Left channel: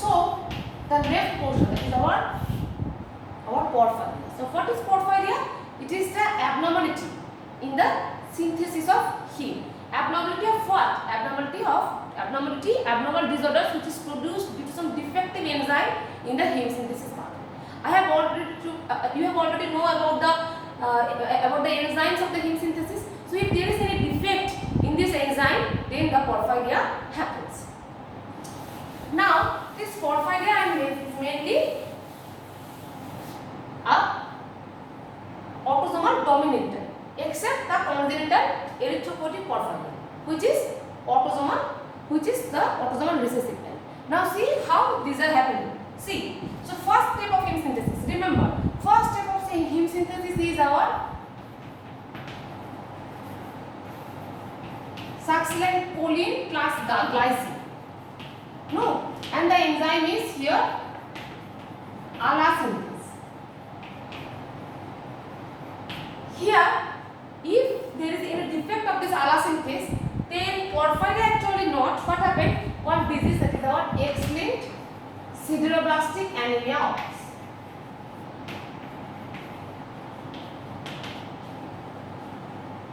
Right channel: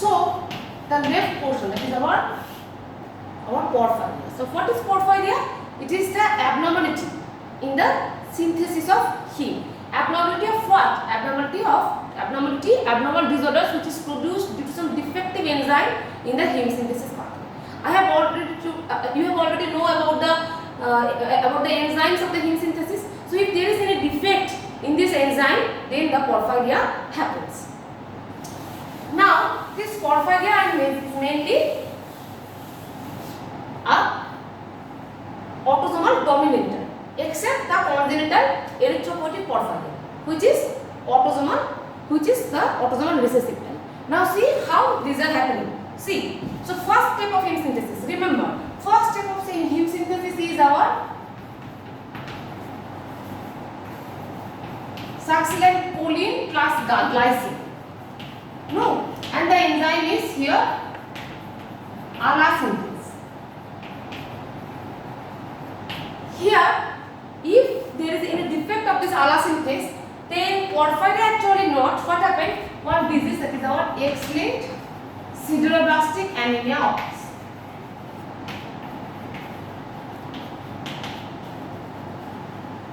So the left portion, that is our porphyria. So what is porphyria? It is the abnormality in the synthesis of heme. Abnormality of what? Abnormal disorders which is produced due to some defective enzyme in the heme synthesis pathway. You have already know about the enzymes of the heme synthesis. So if there is any defect in this enzyme, then the porphyria happens. Now this porphyria is mainly a autosomal dominant, except the congenital erythropoietic porphyria, which is the autosomal recessive type. Now see how these are happening. See, so first step of heme synthesis. Remember, first step of heme synthesis is our succinylcholine plus glycine. No, and the enzyme is here allosynthetase. Here, if there is any defect of this allosynthetase, then porphyria actually not. What happened? One disease, that is our X-linked sideroblastic anemia occurs.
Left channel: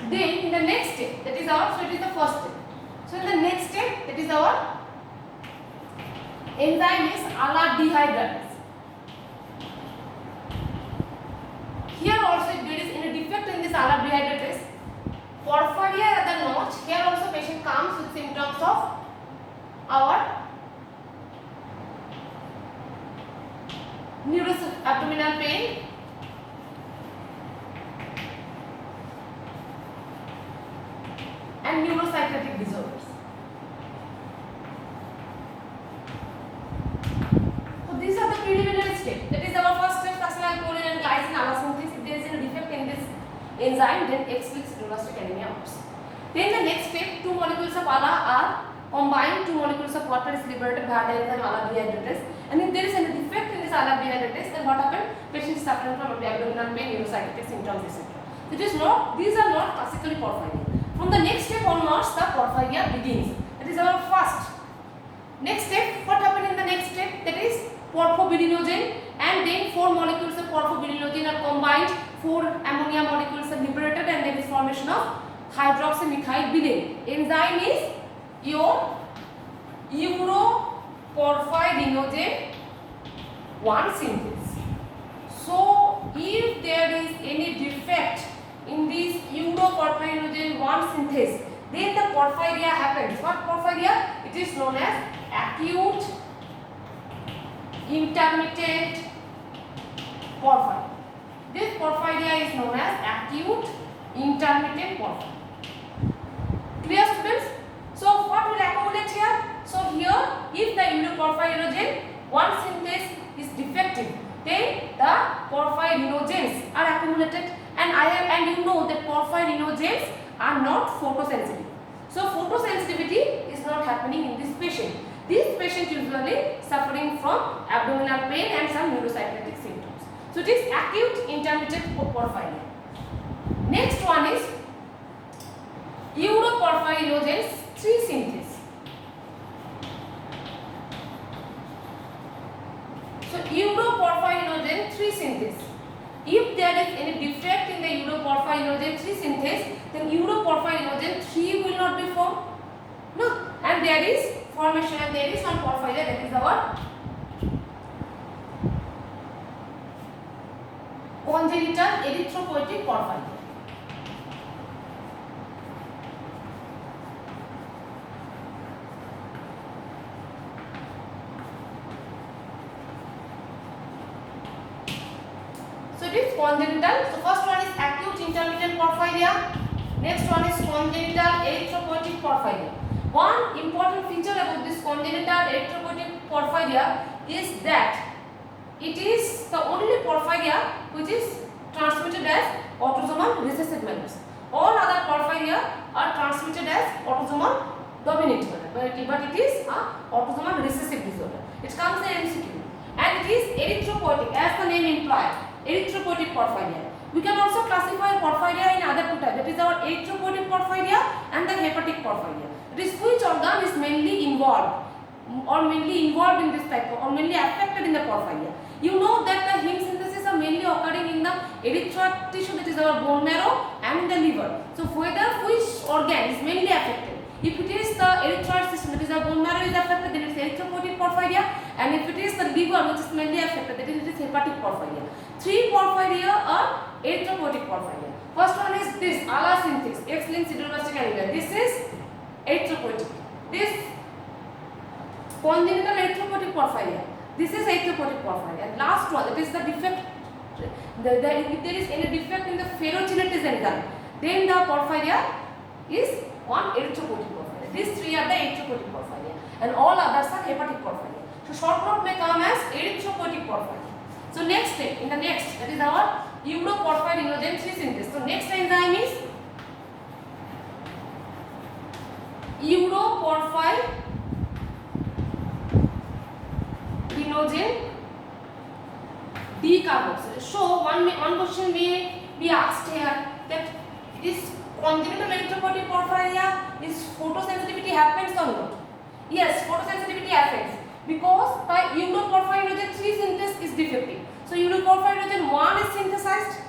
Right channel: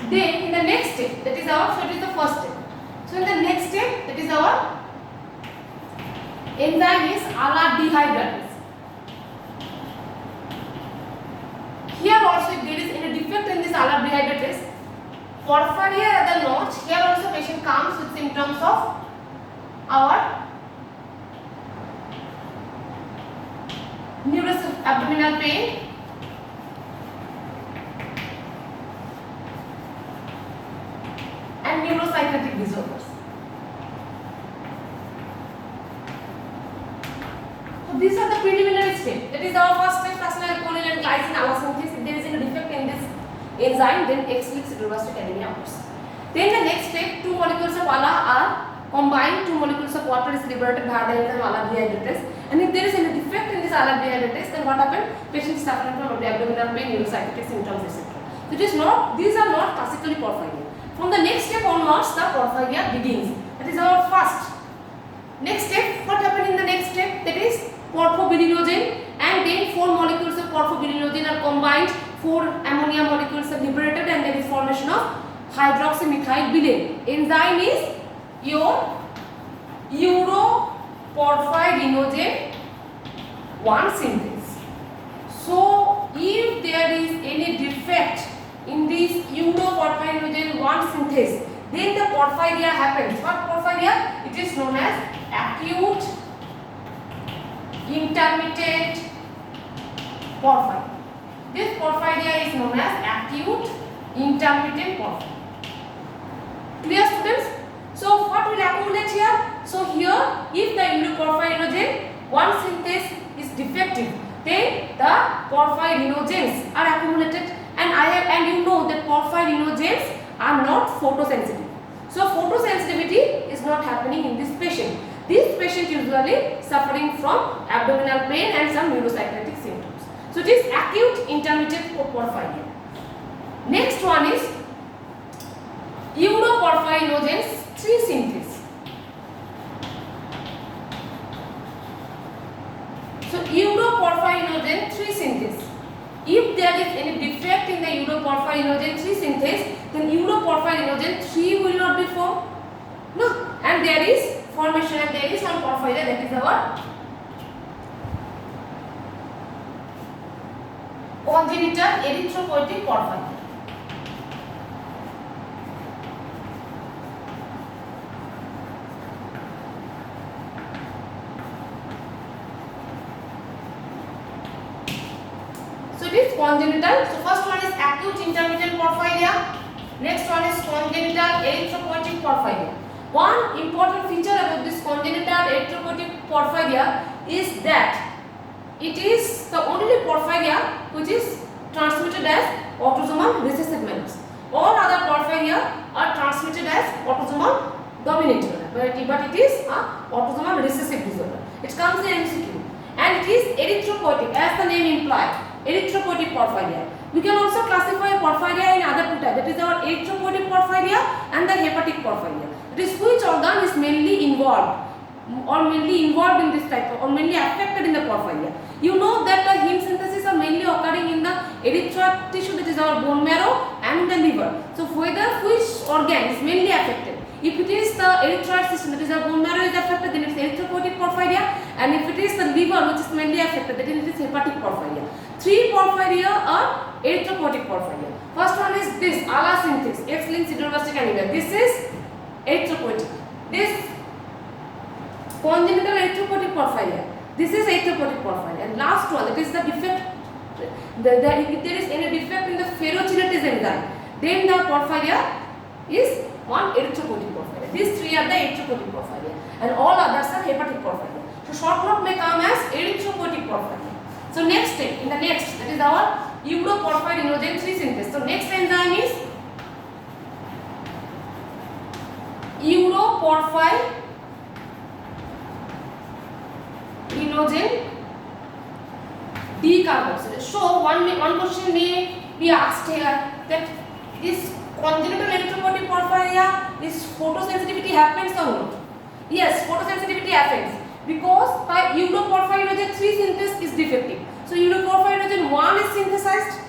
Then in the next step, that is our, so it is the first step. So in the next step, that is our enzyme is ALA dehydratase. Here also, if there is any defect in this ALA dehydratase, porphyria rather not. Here also patient comes with symptoms of our abdominal pain, and neuropsychiatric disorders. So these are the preliminary steps. That is our first step, succinylcholine and glycine allosynthetase. If there is any defect in this enzyme, then X-linked sideroblastic anemia occurs. Then the next step, 2 molecules of ALA are combined, 2 molecules of water is liberated via the enzyme ALA dehydratase. And if there is any defect in this ALA dehydratase, then what happens? Patient is suffering from abdominal pain, neuropsychiatric symptoms, etc. So it is not, these are not classically porphyria. From the next step onwards, the porphyria begins. That is our first. Next step, what happened in the next step? That is porphobilinogen, and then 4 molecules of porphobilinogen are combined, 4 ammonia molecules are liberated, and there is formation of hydroxymethyl enzyme is your uroporphyrinogen 1 synthase. So if there is any defect in this uroporphyrinogen 1 synthase, then the porphyria happens. What porphyria? It is known as acute intermittent porphyria. This porphyria is known as acute intermittent porphyria. Clear, students? So what will accumulate here? So here, if the uroporphyrinogen 1 synthase is defective, then the porphyrinogens are accumulated, and you know that porphyrinogens are not photosensitive. So photosensitivity is not happening in this patient. This patient usually suffering from abdominal pain and some neuropsychiatric symptoms. So it is acute intermittent porphyria. Next one is uroporphyrinogen 3 synthase. So uroporphyrinogen 3 synthase. If there is any defect in the uroporphyrinogen 3 synthase, then uroporphyrinogen 3 will not be formed. No, and there is formation, and there is one porphyria, that is our congenital erythropoietic porphyria. So it is congenital. So first one is acute intermittent porphyria. Next one is congenital erythropoietic porphyria. One important feature about this congenital erythropoietic porphyria is that it is the only porphyria which is transmitted as autosomal recessive manner. All other porphyria are transmitted as autosomal dominant manner, but it is autosomal recessive disorder. It comes in MCQ, and it is erythropoietic, as the name implies. Erythropoietic porphyria. We can also classify porphyria in other two types. That is our erythropoietic porphyria and the hepatic porphyria. That is which organ is mainly involved or mainly involved in this type of, or mainly affected in the porphyria. You know that the heme synthesis are mainly occurring in the erythroid tissue, that is our bone marrow, and in the liver. So whether which organ is mainly affected? If it is the erythroid system, that is our bone marrow is affected, then it is erythropoietic porphyria, and if it is the liver which is mainly affected, then it is hepatic porphyria. Three porphyria are erythropoietic porphyria. First one is this allosynthes, X-linked sideroblastic anemia. This is erythropoietic. This congenital erythropoietic porphyria. This is erythropoietic porphyria. And last one, that is the defect. If there is any defect in the ferrochelatase enzyme, then the porphyria is one erythropoietic porphyria. These three are the erythropoietic porphyria, and all others are hepatic porphyria. So short note may come as erythropoietic porphyria. So next step, in the next, that is our uroporphyrinogen 3 synthesis. So next enzyme is uroporphyrinogen decarboxylase. So one question may be asked here, that is congenital erythropoietic porphyria, is photosensitivity happens or not? Yes, photosensitivity happens, because by uroporphyrinogen 3 synthesis is defective. So uroporphyrinogen 1 is synthesized,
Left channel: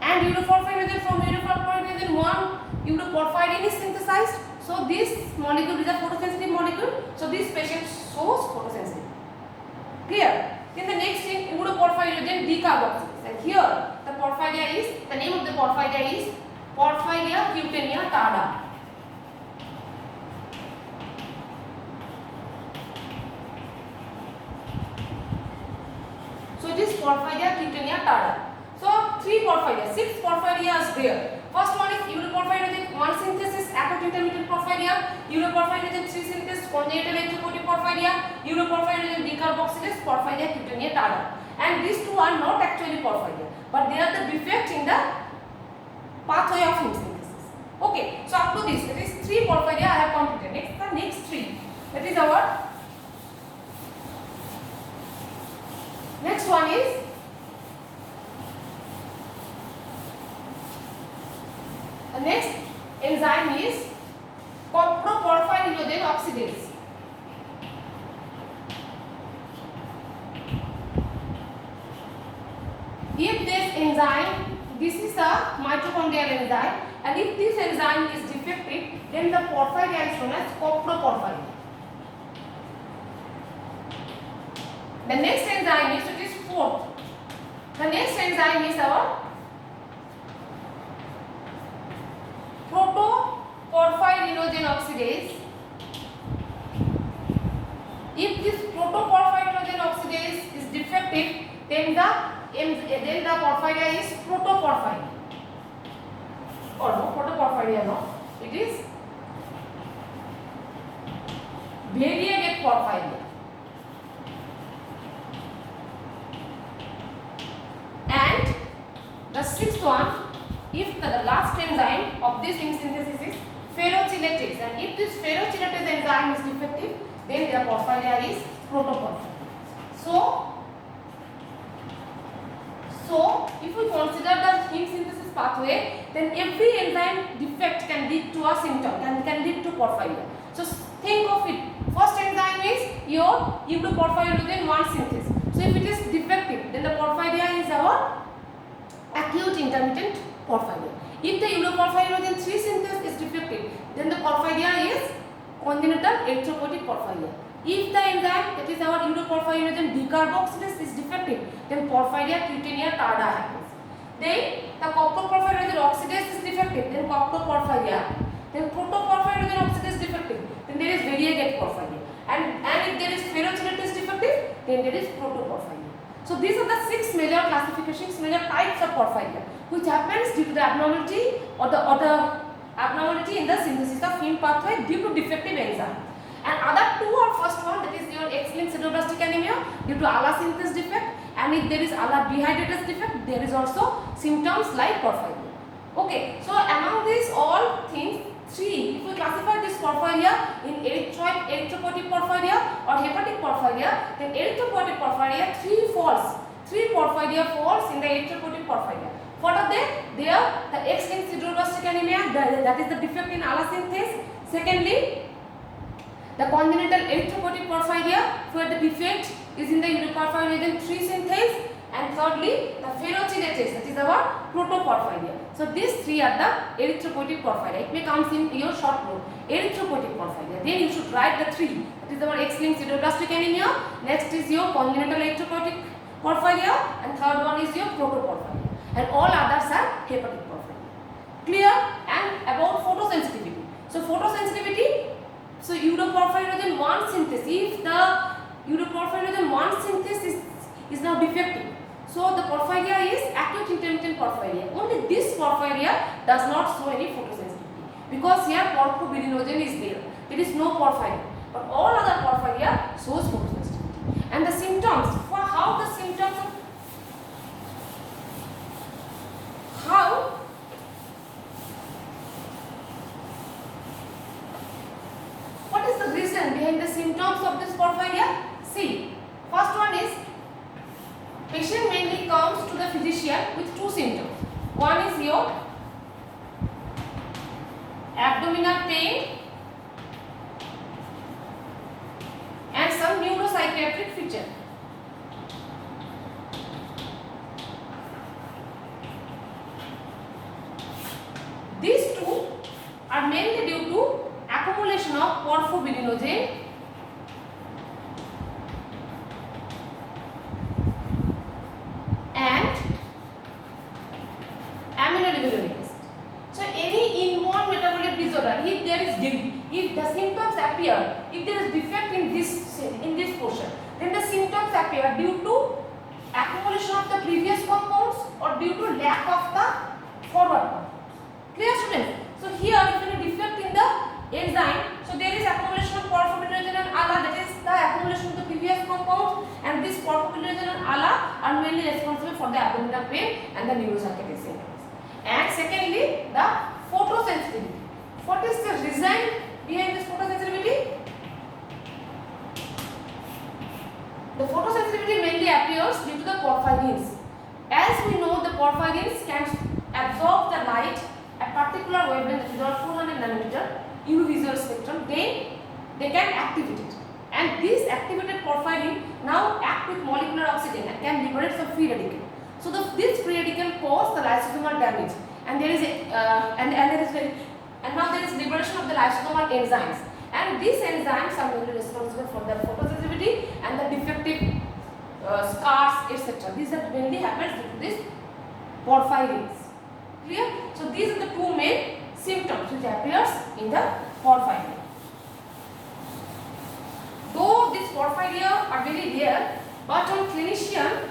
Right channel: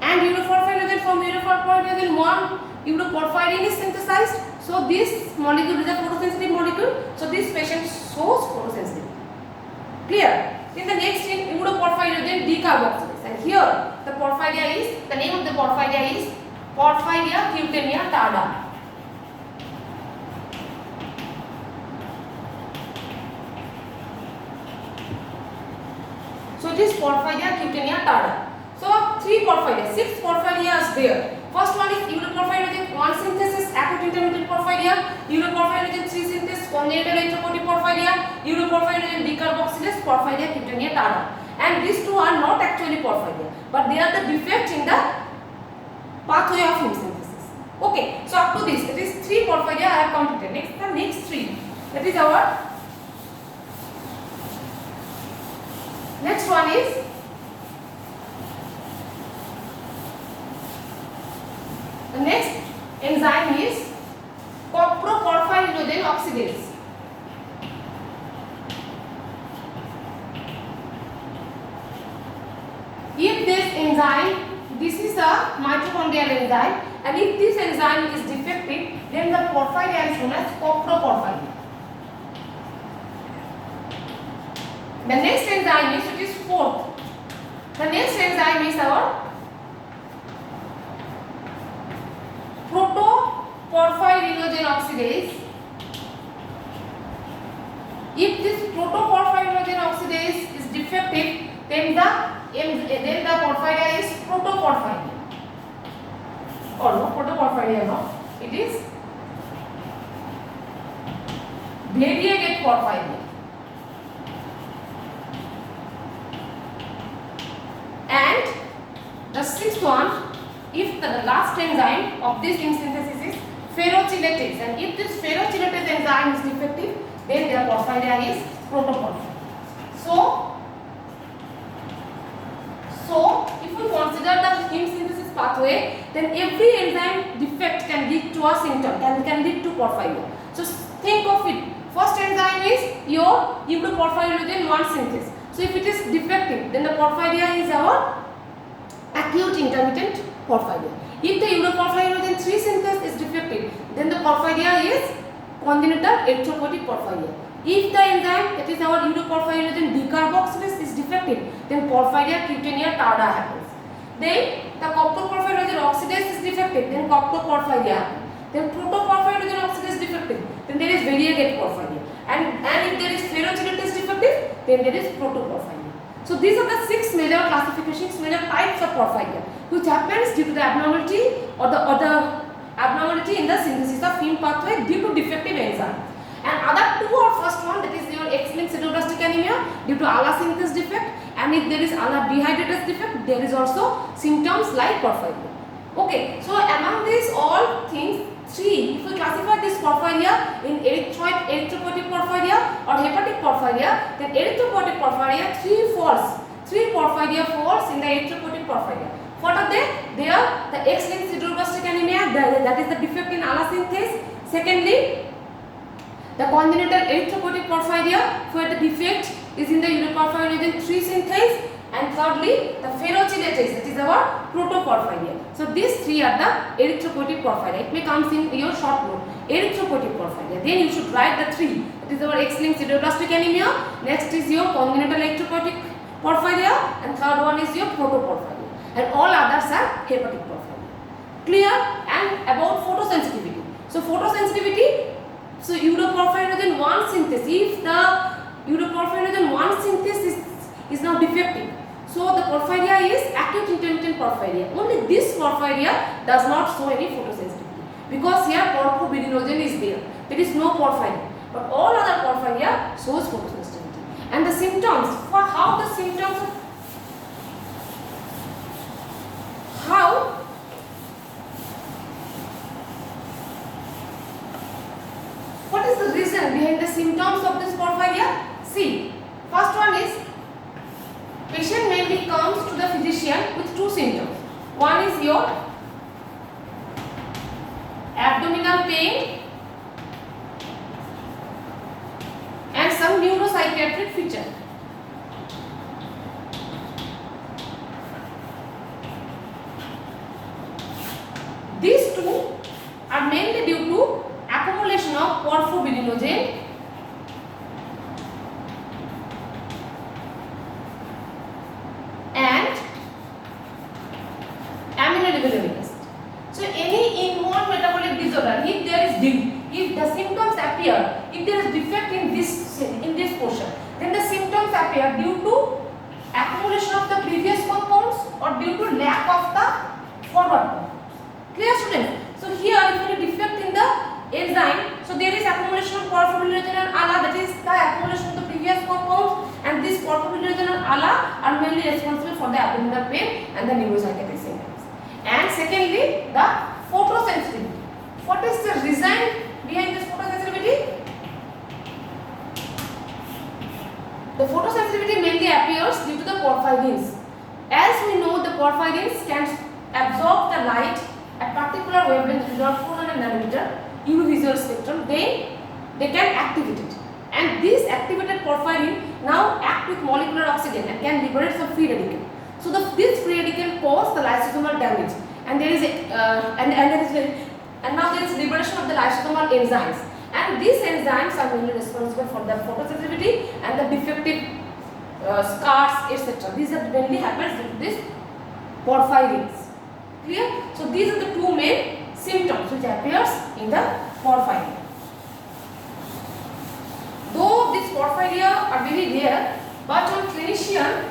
and uroporphyrinogen from uroporphyrinogen 1 uroporphyrin is synthesized. So this molecule is a photosensitive molecule. So this patient shows photosensitivity. Clear? Then the next thing, uroporphyrinogen decarboxylase, and here the porphyria is, the name of the porphyria is Porphyria cutanea tarda. So it is Porphyria cutanea tarda. So 3 porphyria, 6 porphyria is there. First one is uroporphyrinogen 1 synthesis, acute intermittent porphyria, uroporphyrinogen 3 synthesis, congenital erythropoietic porphyria, uroporphyrinogen decarboxylase, Porphyria cutanea tarda. And these two are not actually porphyria, but they are the defect in the pathway of heme synthesis. Okay, so up to this, that is 3 porphyria I have completed. Next, the next 3, that is our next one is the next enzyme is coproporphyrinogen oxidase. If this enzyme, this is a mitochondrial enzyme, and if this enzyme is defective, then the porphyria is known as coproporphyria. The next enzyme is, it is 4th. The next enzyme is our protoporphyrinogen oxidase. If this protoporphyrinogen oxidase is defective, then the porphyria is protoporphyria. Or no, protoporphyria no, it is variegate porphyria. And the 6th one, if the last enzyme of this heme synthesis is ferrochelatase, and if this ferrochelatase enzyme is defective, then their porphyria is protoporphyria. So if we consider the heme synthesis pathway, then every enzyme defect can lead to a symptom, can lead to porphyria. So think of it. First enzyme is your uroporphyrinogen 1 synthesis. So if it is defective, then the porphyria is our acute intermittent porphyria. If the uroporphyrinogen 3 synthesis is defective, then the porphyria is congenital erythropoietic porphyria. If the enzyme, that is our uroporphyrinogen decarboxylase, is defective, then Porphyria cutanea tarda happens. Then the coproporphyrinogen oxidase is defective, then coproporphyria happens. Then protoporphyrinogen oxidase is defective, then there is variegate porphyria. And if there is ferrochelatase defective, then there is protoporphyria. So these are the 6 major classifications, major types of porphyria, which happens due to the abnormality or the abnormality in the synthesis of heme pathway due to defective enzyme. And other 2 are, first one, that is your X-linked sideroblastic anemia due to allosynthetase defect, and if there is allodehydratease defect, there is also symptoms like porphyria. Okay, so among these all things, 3, if we classify this porphyria in erythropoietic porphyria or hepatic porphyria, then erythropoietic porphyria 3 porphyria falls in the erythropoietic porphyria. What are they? They are the X-linked sideroblastic anemia, that is the defect in allosynthetase. Secondly, The congenital erythropoietic porphyria, where the defect is in the uroporphyrogen 3 synthase, and thirdly the ferrochelatase, that is our protoporphyria. So these three are the erythropoietic porphyria. It may comes in your short note, erythropoietic porphyria. Then you should write the three. That is our X-linked sideroblastic anemia. Next is your congenital erythropoietic porphyria, and third one is your protoporphyria. And all others are hepatic porphyria. Clear? And about photosensitivity. So photosensitivity. So uroporphyrogen 1 synthase. If the uroporphyrogen 1 synthase is now defective, so the porphyria is acute intermittent porphyria. Only this porphyria does not show any photosensitivity because here porphyrinogen is there. There is no porphyria, but all other porphyria shows photosensitivity. And the symptoms, for how the symptoms of what is the reason behind the symptoms of this porphyria? See, first one is patient mainly comes to the physician with two symptoms. One is your abdominal pain and some neuropsychiatric feature. These two are mainly due to accumulation of porphyrinogen and aminolevulinic acid. So any inborn metabolic disorder, if there is if the symptoms appear, if there is defect in this portion, then the symptoms appear due to accumulation of the previous compounds or due to lack of the forward compounds. Clear, students? So here if any defect in the enzyme, so there is accumulation of porphyrinogen and ALA, that is the accumulation of the previous compounds, and this porphyrinogen and ALA are mainly responsible for the abdominal pain and the neuropsychiatric symptoms. And secondly, the photosensitivity. What is the reason behind this photosensitivity? The photosensitivity mainly appears due to the porphyrins. As we know, the porphyrins can absorb the light at particular wavelength, that is around 400 nanometer UV visual spectrum, then they can activate it. And this activated porphyrin now act with molecular oxygen and can liberate some free radical. So this free radical cause the lysosomal damage, and there is now there is liberation of the lysosomal enzymes, and these enzymes are mainly responsible for the photosensitivity and the defective scars, etc. These are mainly happens due to this porphyrins. Clear? So these are the two main symptoms which appears in the porphyria. Though these porphyria are very rare, but one clinician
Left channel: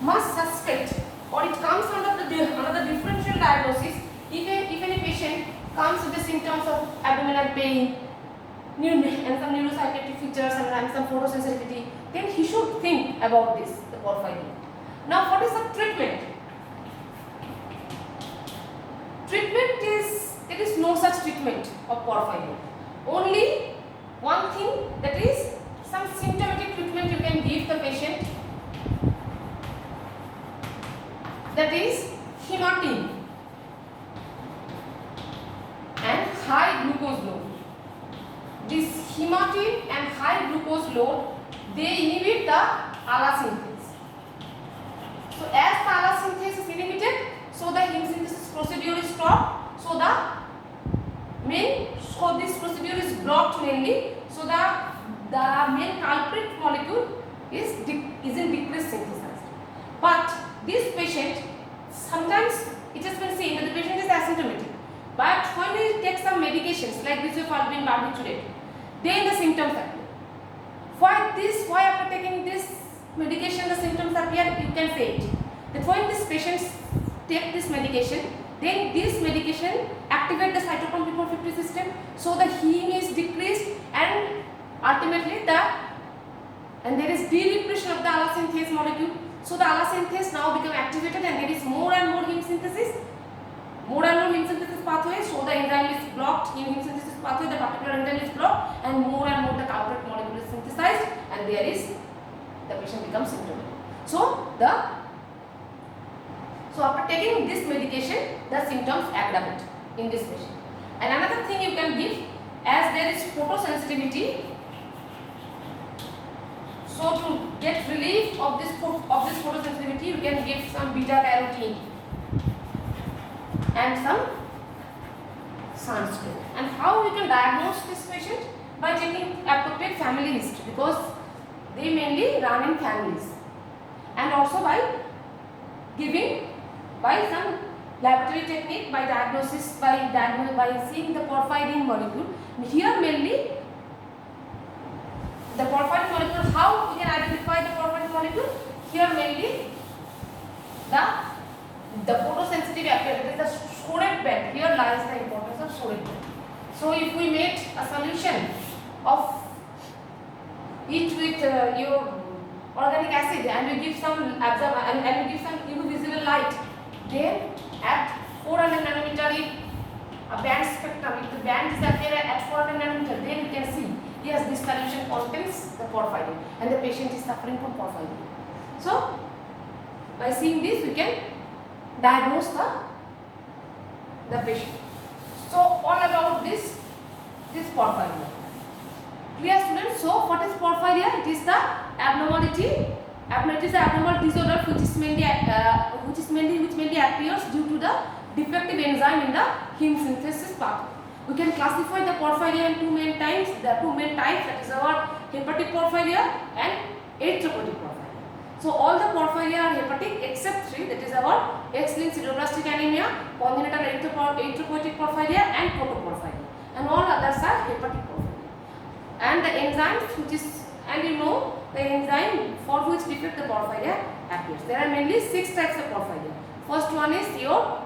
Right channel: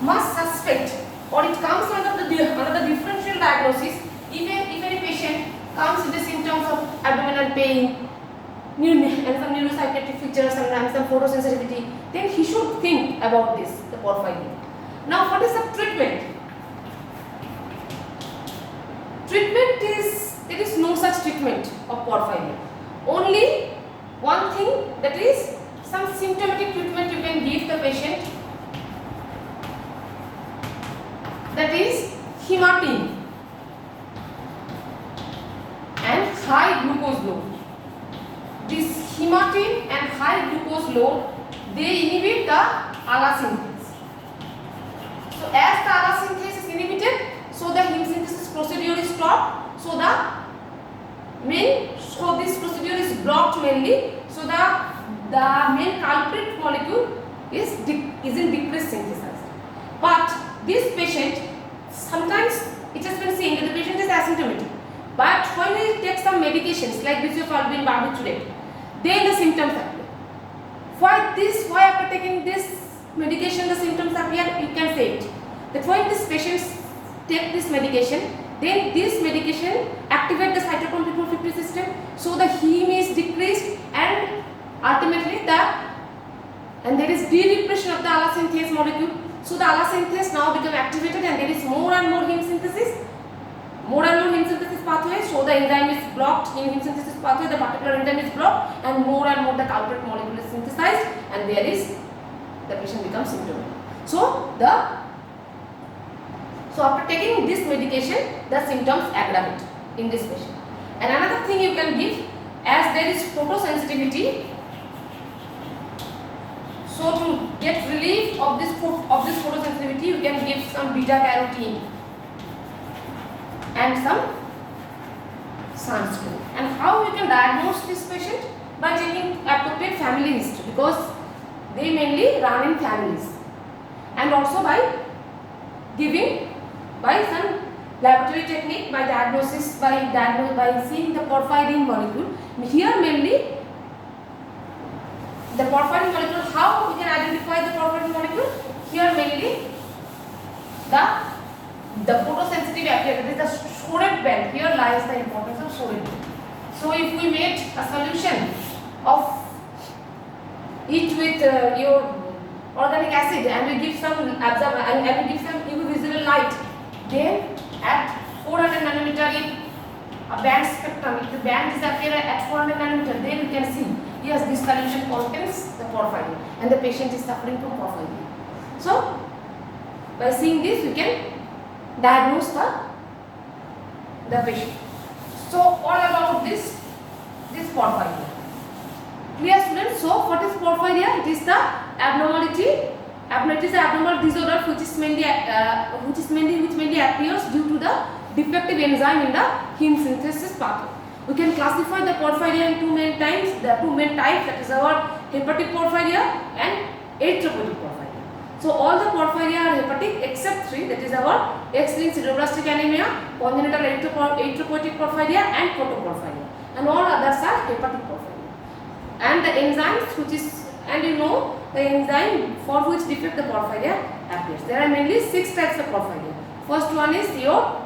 must suspect, or it comes under the differential diagnosis. Even if any patient comes with the symptoms of abdominal pain and some neuropsychiatric features and some photosensitivity, then he should think about this, the porphyria. Now, what is the treatment? Treatment is, there is no such treatment of porphyria. Only one thing, that is some symptomatic treatment you can give the patient, that is hematine and high glucose load. This hematine and high glucose load, they inhibit the ALA synthase. So as the ALA synthase is inhibited, so the heme synthesis procedure is stopped. So this procedure is blocked mainly. So the main culprit molecule is in decreased synthesis. But this patient, sometimes it has been seen that the patient is asymptomatic. But when he takes some medications like bisulfalvine, barbiturate, then the symptoms appear. Why after taking this medication the symptoms appear? You can say it. That when these patients take this medication, then this medication activates the cytochrome P450 system, so the heme is decreased, and ultimately there is de-repression of the ALA synthase molecule. So the ALA synthase now become activated, and there is more and more heme synthesis. More and more heme synthesis pathways, so the enzyme is blocked in heme synthesis pathway, the particular enzyme is blocked, and more the culprit molecule is synthesized, and the patient becomes symptomatic. So after taking this medication, the symptoms aggravate in this patient. And another thing you can give, as there is photosensitivity, so to get relief of this photosensitivity, you can give some beta carotene and some sunscreen. And how you can diagnose this patient? By taking appropriate family history, because they mainly run in families, and also by giving by some laboratory technique, by diagnosis, by seeing the porphyrin molecule. Here mainly the porphyrin molecule, how we can identify the porphyrin molecule? Here mainly the photosensitive appearance, it is the Schoret band. Here lies the importance of Schoret band. So if we made a solution of it with your organic acid, and we give some and we give some UV visible light, then at 400 nanometer, if a band spectrum, if the band is appear at 400 nanometer, then you can see, yes, this solution contains the porphyrin and the patient is suffering from porphyrin. So by seeing this, we can diagnose the patient. So all about this porphyria. Clear, students? So what is porphyria? It is the abnormality. It is the abnormal disorder which mainly appears due to the defective enzyme in the heme synthesis pathway. We can classify the porphyria in two main types. That is our hepatic porphyria and erythropoietic porphyria. So all the porphyria are hepatic except three, that is our X-linked sideroblastic anemia, congenital erythropoietic porphyria and protoporphyria, and all others are hepatic porphyria. And the enzymes the enzyme for which defect the porphyria appears. There are mainly 6 types of porphyria. First one is your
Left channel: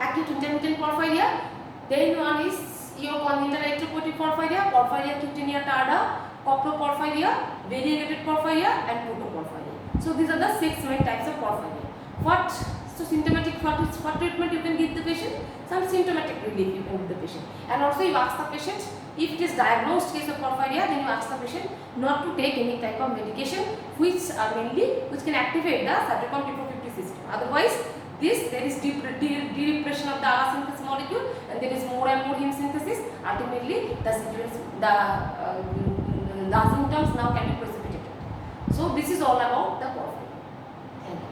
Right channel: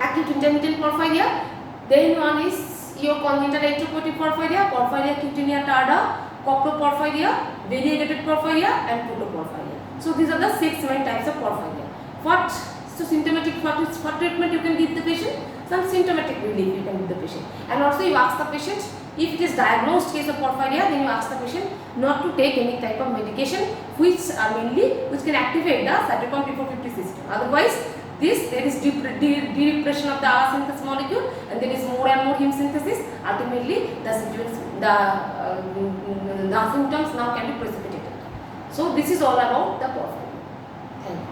acute intermittent porphyria, then one is your congenital erythropoietic porphyria, porphyria cutanea tarda, coproporphyria, variegated porphyria and protoporphyria. So these are the 6 main types of porphyria. So symptomatic, what treatment you can give the patient? Some symptomatic relief you can give the patient. And also you ask the patient, if it is diagnosed case of porphyria, then you ask the patient not to take any type of medication which can activate the cytochrome P450 system. Otherwise, there is depression of the R synthesis molecule, and there is more and more heme synthesis. Ultimately, the symptoms now can be precipitated. So this is all about the porphyria. Thank you.